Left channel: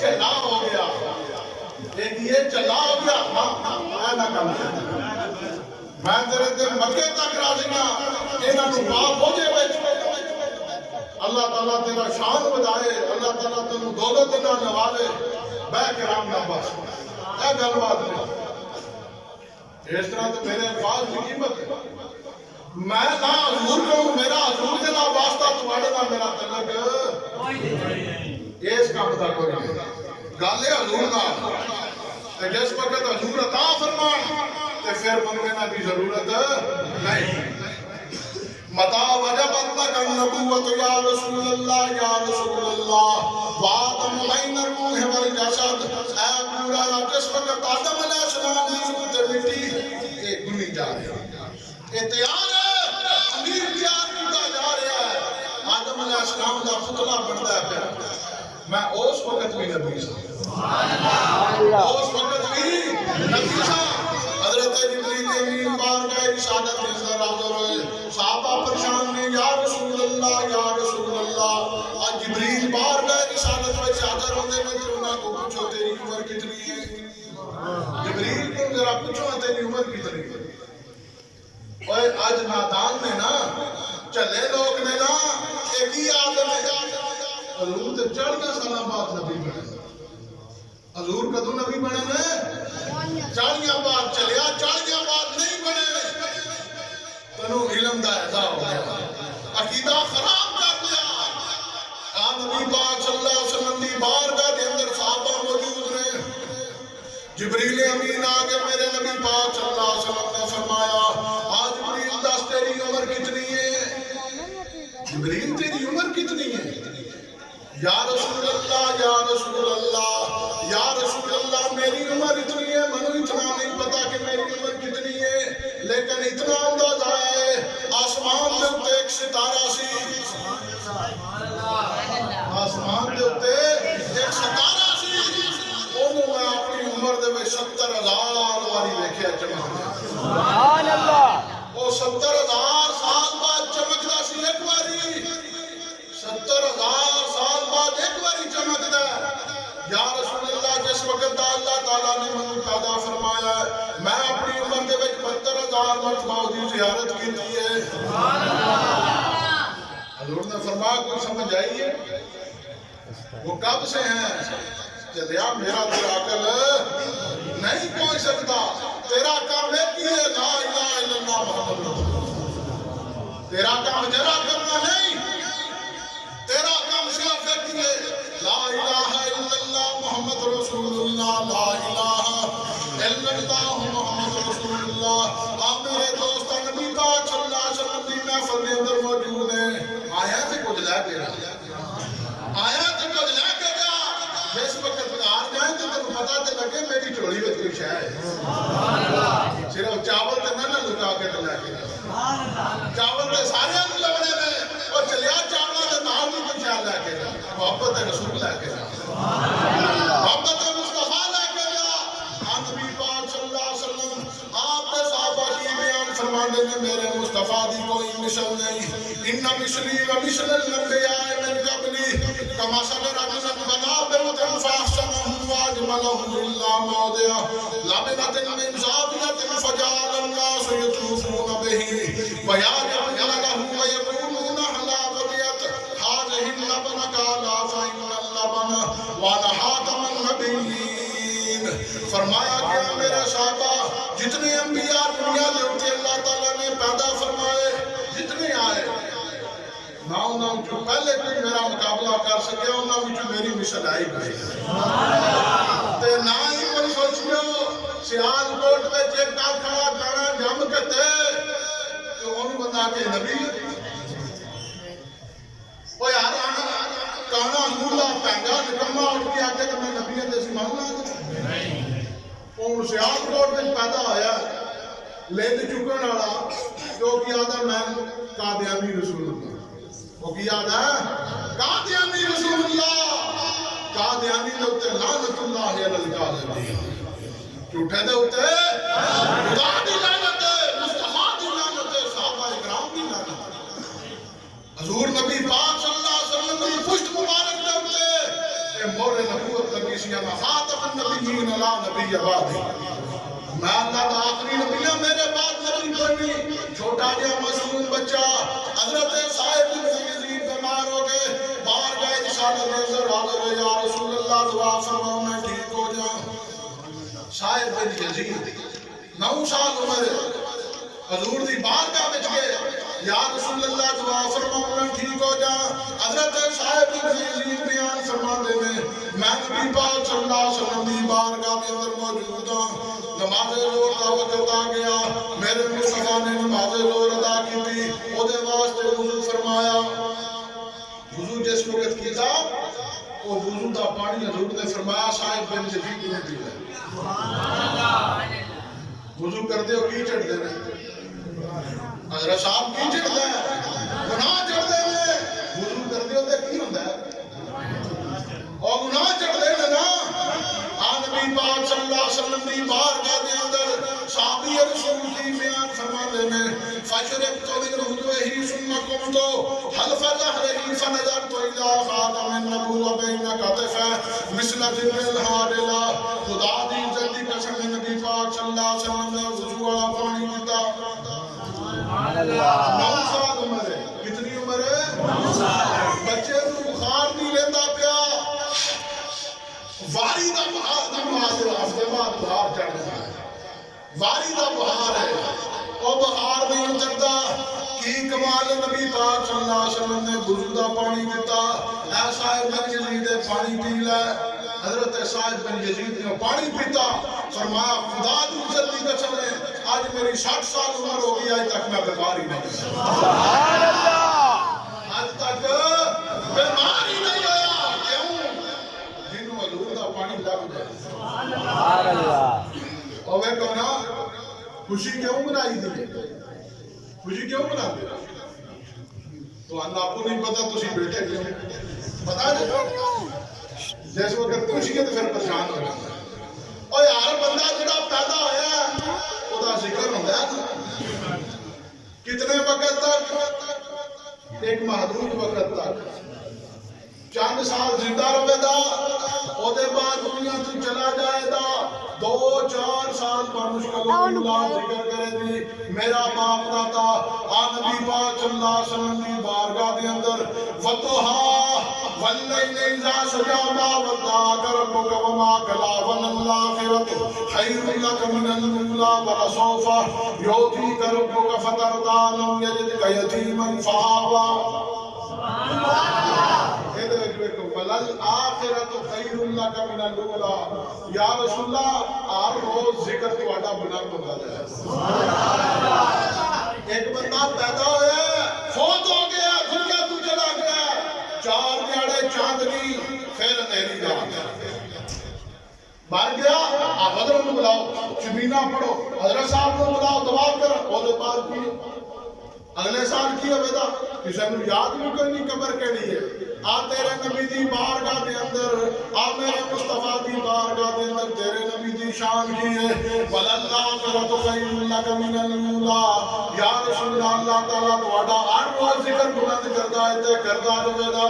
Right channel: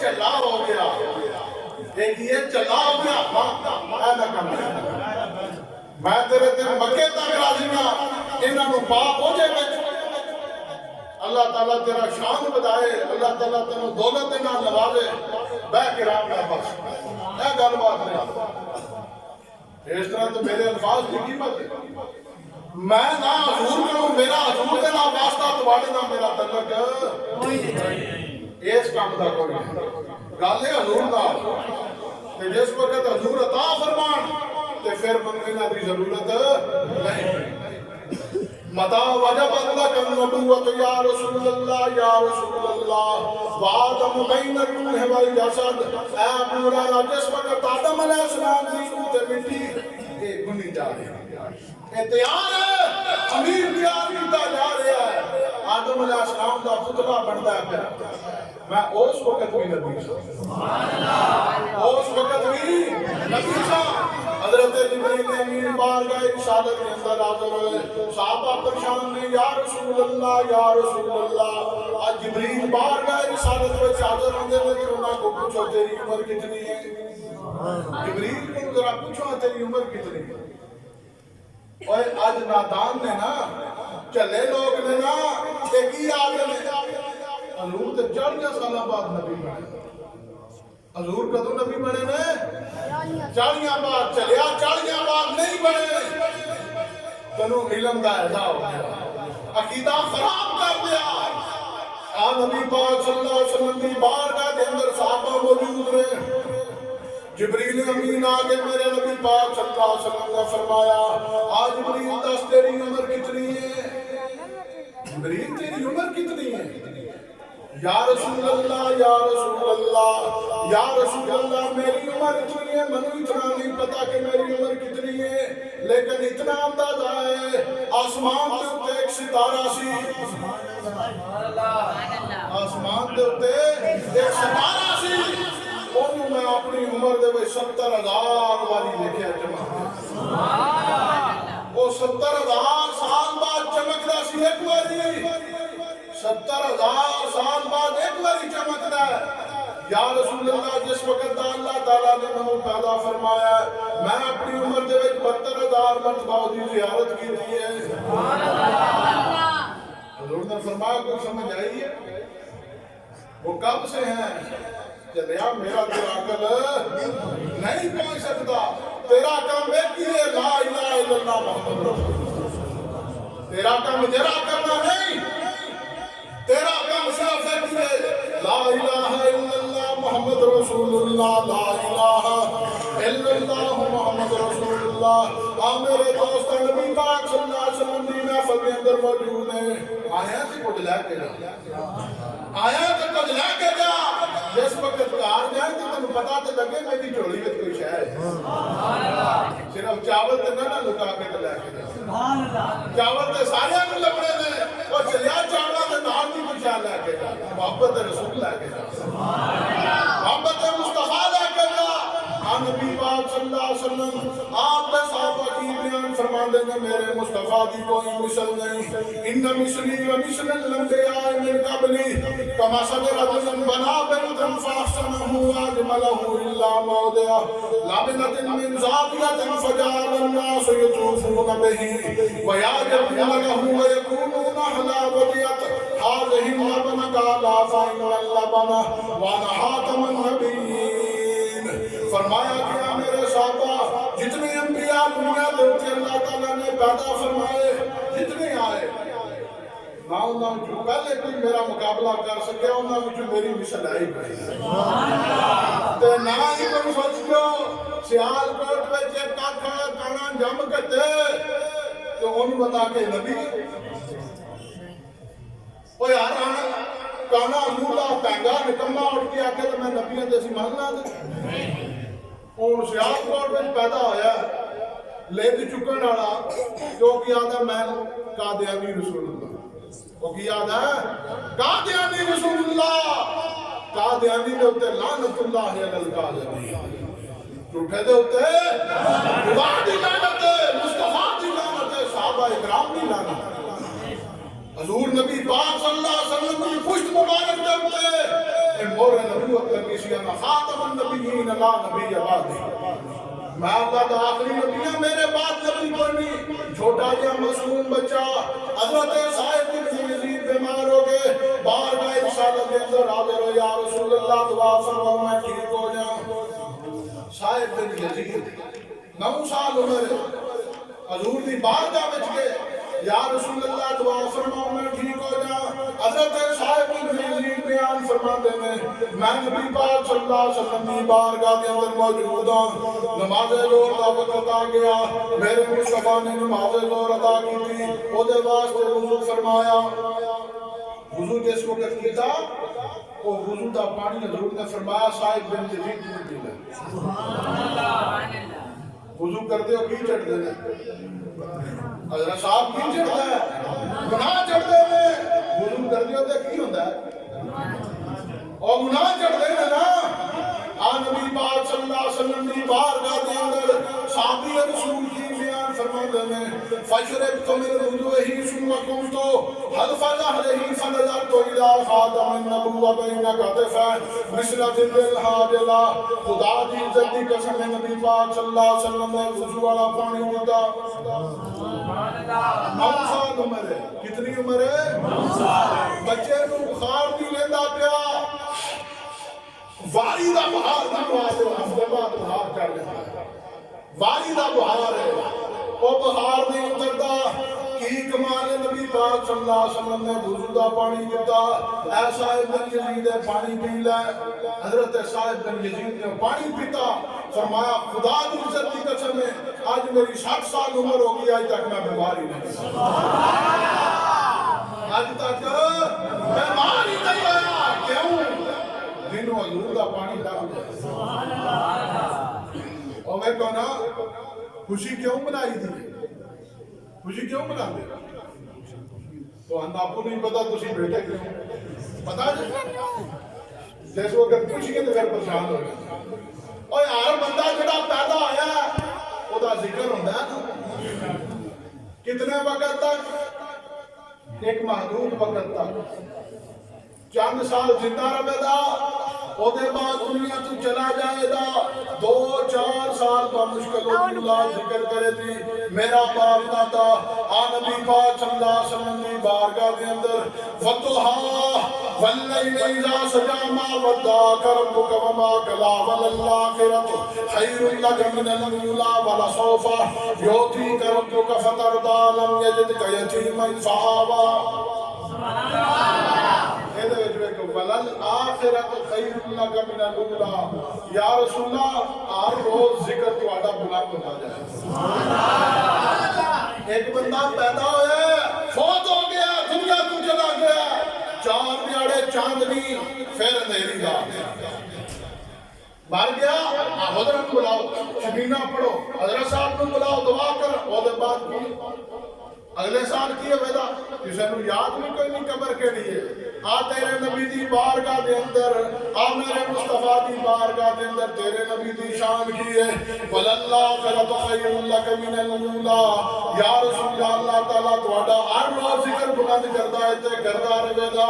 چلا ہو گیا ایک یہ چلا ہو گیا میں نہ کم میں تیرے دن مکے تک راضیاں انہاں نو پاپ ہو جائے اللہ تعالیٰ تیرا شان بدائے اللہ تعالیٰ تینوں دولت نہ نوازے بے کرام نہ بس اے گل بات نہیں اس طرح تو میرے الفاظ کی قیمت ہے میں نہ حضور کروں میرا حضور دے نہ واسطہ تواڈے نہ میرا تعلق کوئی نہیں اس کام دا کوئی نہیں گل ہے حضور دا تے جس وقت حضور عطا فرمان تے پھر منگنے دی ضرورت نہیں متا وجبت لک النبوت یا رسول اللہ وآدم بین الروح والجسد اے مولا جس وقت آدم علیہ السلام کی روح تے مٹی یہ گنی جا رہی ہے تیار ہے امیر تیار کیتا جا رہا ہے آدم علیہ السلام دا پتلا بندا ہے پیا میں اس وقت بھی نبی سا اس وقت بھی نبی سا حضرت جبریل امین بارگاہ رسالت کے اندر حاضر ہوئے صحابہ پریشان نے یا رسول اللہ آج جبریل بارگاہ رسالت میں حاضر ہوندے نے پھر انہاں کو پوچھو تیری عمر کتنی ہے جبریل کو ذرا پوچھو تیری عمر کتنی ہے اوے آج نادان نے نا چلے لوگ نے نا ایک ہی آدم حضور تے 40 سالہ بعد نبی بنے حضور کدو نبی بنے نے 40 بعد چلیا 40 بعد نہیں بنے تنو علم دا ایزا ہو گیا عقیدہ خراب کر دیا نبی پاک صلی اللہ علیہ وسلم دی بارگاہ کے اندر صحابہ موجود رہے جبریل امین آگے میرے نبی پاک صلی اللہ علیہ وسلم نے فرمایا آج جبریل دس تیری عمر کتنی ہے جبریل تیری عمر کتنی ہے یا رسول اللہ میری عمر اتنی ہے منو اتنا نہیں پتا کہ میری عمر کتنی ہے لیکن اتنا اندازہ ہے آسمان دے اتے ایک ستارہ سی آسمان دے اتے ایک ستارہ سی انہوں میں اپنی عمر دے میں 70,000 والی دیکھے چمک وہ 70,000 سال بعد چمک دا سی ایک واری 70,000 سال بعد ایک باری چمکتا ہے یا رسول اللہ جس وقت اللہ تعالیٰ نے منہ پیدا فرمایا ہے میں اپنی عمر دے وچ 72,000 مرتبہ دی زیارت کی تھی ہے حضور نے فرمایا کوئی سمجھ آئی ہے وہ کب سے ہیں چلیا میرا تیرا عقل نہیں پہنچ سکتا تیرا کام ایک ہی ہے لا الہ الا اللہ محمد رسول تیرا کام جرا کرنا نہیں تیرا کام صرف ایک ہے لا الہ الا اللہ محمد رسول اللہ لا الہ الا اللہ محمد رسول اللہ آپ میرے دوست نبی پاک صلی اللہ علیہ وسلم دی محفل کے اندر موجود ہیں آیا تھے کچھ لے کے جا جس وقت کار جائیں تو تمہیں پتا تے لگے میری چوڑی میں کوئی شے ہے صرف چاول تے نہ لکا کے لے کے جا چاول تے سارے کو لبنے میں وہ چلیا چاولا تے نال بھی کچھ لے کے جا محبت رسول لے کے جا محبت مصطفیٰ لے کے جا نبی پاک صلی اللہ علیہ وسلم آپ نے صحابہ کی بیان فرماندے نے میرے مصطفیٰ دی کوئی مثل نہیں ان مثلی و مثل الانبیاء من قبلی کمثل رجل بنا بیتا فاحسنہ واجملہ الا موضع لبنۃ من زاویۃ فجعل الناس یطوفون به ویعجبون له ویقولون حلاوتیت هذه اللبن قال فإن اللبن ونحات من نبیین فرمایا گیا میرے صحابہ جتنے انبیاء دنیا دے ہوتے اللہ تعالیٰ نے پیدا فرمائے جتنے آئے نہ انہوں جو پہلے کوئی میرا مقابلہ کر سکیا انہوں جو میری مثل آئی گئی تے نہ ہی کوئی سوچیو سیال کوٹ میں چیک کھا کھانا جم کتے تو ان بتا کے نبی وہ یار آنا کانا مولا پینگا نکمہ اٹھ کے آکے تو میں نبی نے جیسی ماننا دے ان سیال کوٹ میں پیدا ہویا لید چکن آڑا جو کیا تھا میں قادیانی رسول اللہ وہ کیا تھا قادیانی رسول اللہ قادیانی دے ہوتے لعنت اللہ علی القاذبین جھوٹے دے ہوتے خدا دی لعنت مصطفیٰ دی لعنت صحابہ اکرام دی لعنت حضور نبی پاک صلی اللہ علیہ وسلم کی پشت مبارک دے ہوتے مور نبوت لگی سی انا خاتم النبیین لا نبی بعدی، میں اللہ دا آخری نبی ہوں، میرے بعد نبی کوئی نہیں۔ چھوٹا جا معصوم بچہ حضرت صاحب بن یزید بیمار ہو گئے، بارگاہ رسالت کے اندر حاضر ہے، یا رسول اللہ دعا فرماؤ میں ٹھیک ہو جاؤں۔ صاحب بن یزید 9 سال عمر ہے، حضور دی بارگاہ وچ گئے، یا رسول اللہ دعا فرماؤ میں ٹھیک ہو جاؤں۔ حضرت صاحب بن یزید بیان فرماتے ہیں میں نبی پاک صلی اللہ علیہ وسلم دی بارگاہ کے اندر موجود ہوں، نماز ظہر کا وقت آ گیا، میرے مصطفیٰ نے نماز ظہر ادا کی تھی، وہ دے واسطے وضو فرمایا۔ وضو جس وقت کیتا وہ وضو دا پانی حضور نے فرمایا صاحب بن یزید نے پی لے۔ وضو کرتے ہو کی چڑھ دینے، حضرت صاحب کی چڑھ دے گناہ چڑھ دینے، وضو کرتے ہو تے کی ہوندہ ہے اور گناہ چڑھ دینے نا۔ نبی پاک صلی اللہ علیہ وسلم دی بارگاہ کے اندر صحابی رسول کی بیان فرماتے ہیں فشربت من وضوئه ثم قمت حلف ظهره فنظرت الى خاتم النبوة بين كتفيه مثل ظل الحاجلہ۔ خدا دی عزت دی قسم نبی پاک صلی اللہ علیہ وسلم نے وضو والا پانی پیتا۔ 9 سال عمر ہے، کتنی عمر ہے؟ 9 سال۔ بچے نو بخار نہیں لیندہ پیا، واری دا بہار دا نوازے ہفتے بعد بہار چڑھ جاتا ہے، واری دا بہار ہے، وہ بہار نہیں اترتا۔ کی کمال نبی پاک صلی اللہ علیہ وسلم نے وضو دا پانی دیتا، اے صاحب بن یزید پانی پی لے۔ حضرت صاحب بن یزید نے پانی پیتا، فرمایا خدا دی عزت کی قسم ہے آج میری 60 سال عمر ہو گئی، آج تک میں بیمار ہی نہیں ہوا، آج تک بیمار ہی نہیں ہوا۔ کیوں؟ دنوں حضور دا پانی لگ جائے۔ اور میں کہنا خوشی کیوں منائی دی، خوشی کیوں منا دے رہا تو ہم آپ کو نہیں پتا، تو اسی بیٹے کیوں پتا جیسے وقت خوشی ہے تو پھر پریشان ہو جاتا ہے۔ اور یار بندہ جڑا پیدا ہویا ہے وہ دا ذکر ہوتا ہے کتنے وقت تک؟ ایک محدود وقت تک، چند سال زندہ رہے دا، او دے بعد دنیا تو چلا جائے دا، 2-4 سال پر مشکل اللہ ذکر کرے دی۔ میرا باپ داتا نبی پاک صلی اللہ علیہ وسلم کی بارگاہ دے اندر وَطُحَا وَاللَّيْلِ إِذَا سَجَىٰ مَا وَدَّعَكَ رَبُّكَ وَمَا قَلَىٰ وَلَلْآخِرَةُ خَيْرٌ لَكَ مِنَ الْأُولَىٰ وَلَسَوْفَ يُعْطِيكَ رَبُّكَ فَتَرْضَىٰ لَمْ يَجِدْكَ يَتِيمًا فَآوَىٰ۔ وَلَلْآخِرَةُ خَيْرٌ لَكَ مِنَ الْأُولَىٰ۔ یا رسول اللہ ہر روز ذکر تو آڈا بلند ہوتا جائے۔ ایک بندہ پیدا ہویا فوت ہو گیا، دنیا تو چلا گیا، 4 دیاڑے چاندنی پھر اندھیری رات، مر گیا، حضرت کو بلاؤ، شبینہ پڑھو، حضرت صاحب کو بلاؤ، دعا کر، اور دے بعد کی اگلے سال کی ہوئے کسی نے یاد بھی کوئی نہیں قبر کے لیے۔ تیرے نبی دی بارگاہ دے اندر، میرے مصطفیٰ دی بارگاہ دے اندر تیرے نبی دی شان کی ہے وَلَلْآخِرَةُ خَيْرٌ لَكَ مِنَ الْأُولَىٰ۔ یا رسول اللہ، اللہ تعالیٰ تو ہر روز ذکر بلند کردہ ہے تے کردہ رہے دا۔